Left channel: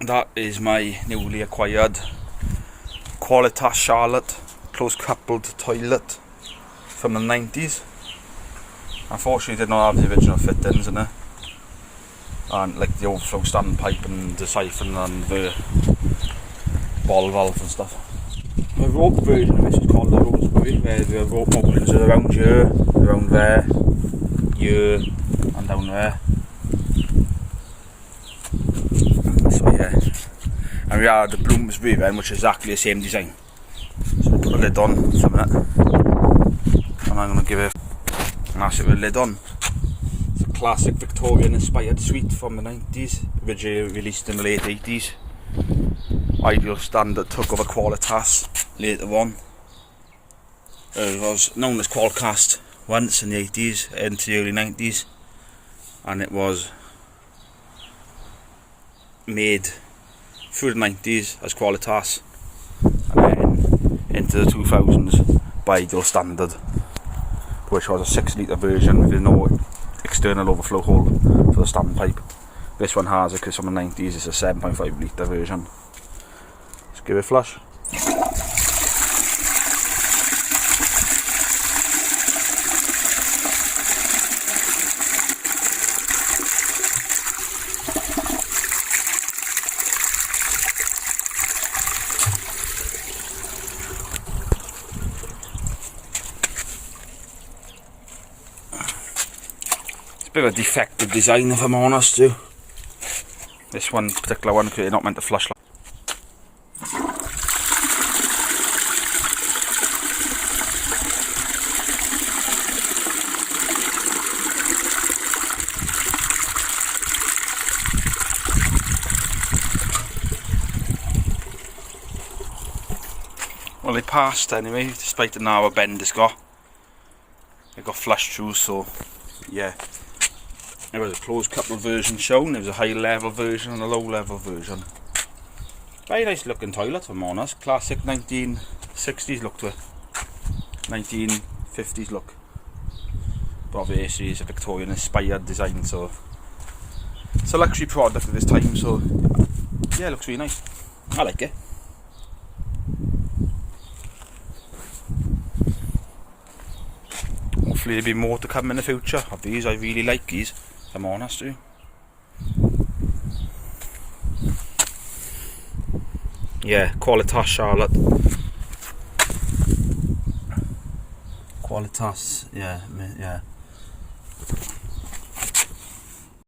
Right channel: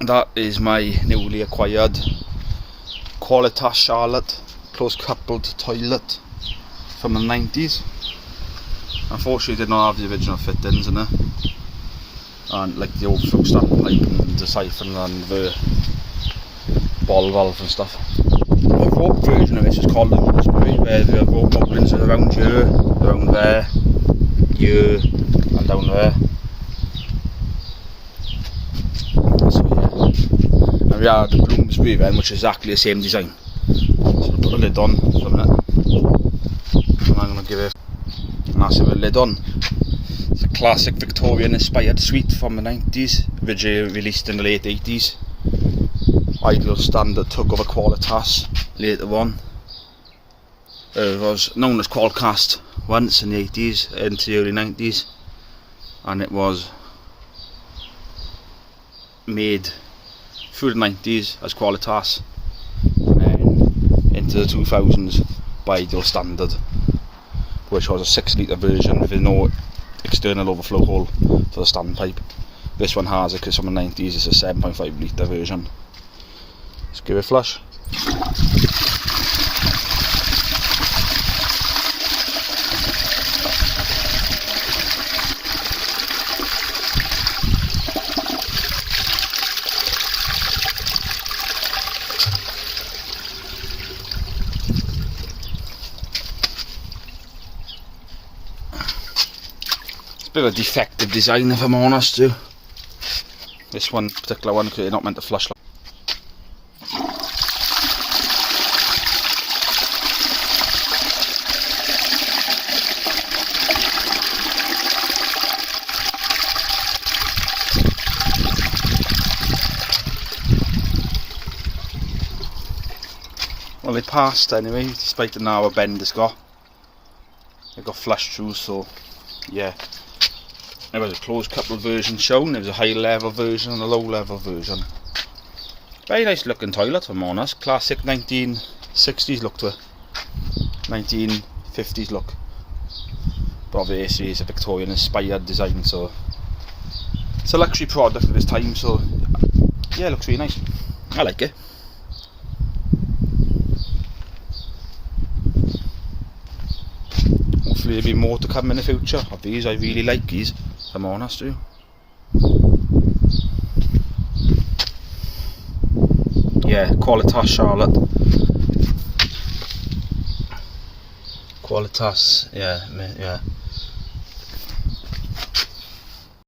That is my newly acquired Qualitas Charlotte close coupled toilet from the 90s. Unfortunately, it did not have the original fittings in it, and like the overflow standpipe and the siphon and the ball valve and stuff. The rope version of this is called where the rope openings are around here, around there, here, and down there. So yeah, and we have the Bloomsbury then, which is exactly the same design. So I'll put the lid on for a minute, and I'm going to give it a massive lid on. It's a classic Victorian inspired suite from the 90s, originally released in the late 80s. Ideal Standard took over Qualitas later on. It was known as Qualcast once in the 80s into the early 90s, and it was made through the 90s as Qualitas, and then into the 2000s by Ideal Standard, which was a 6 litre version with no external overflow hole for the standpipe. This one has it because from the 90s it's a 7.5 litre version. Let's give it a flush. It's a bit of a defective design, if I'm honest too. This one particular one, because you're not meant to flush. Well, it passed anyway, despite the narrow bend it's got. It got flushed through, so yeah. There was a closed coupled version shown, there was a high level version and a low level version. Very nice looking toilet, if I'm honest. Classic 1960s look to it. 1950s look. But obviously it's a Victorian inspired design, so it's a luxury product at this time, so yeah, it looks really nice. I like it. Hopefully there'll be more to come in the future of these. I really like these, if I'm honest with you. Yeah, Qualitas Charlotte. Qualitas, yeah.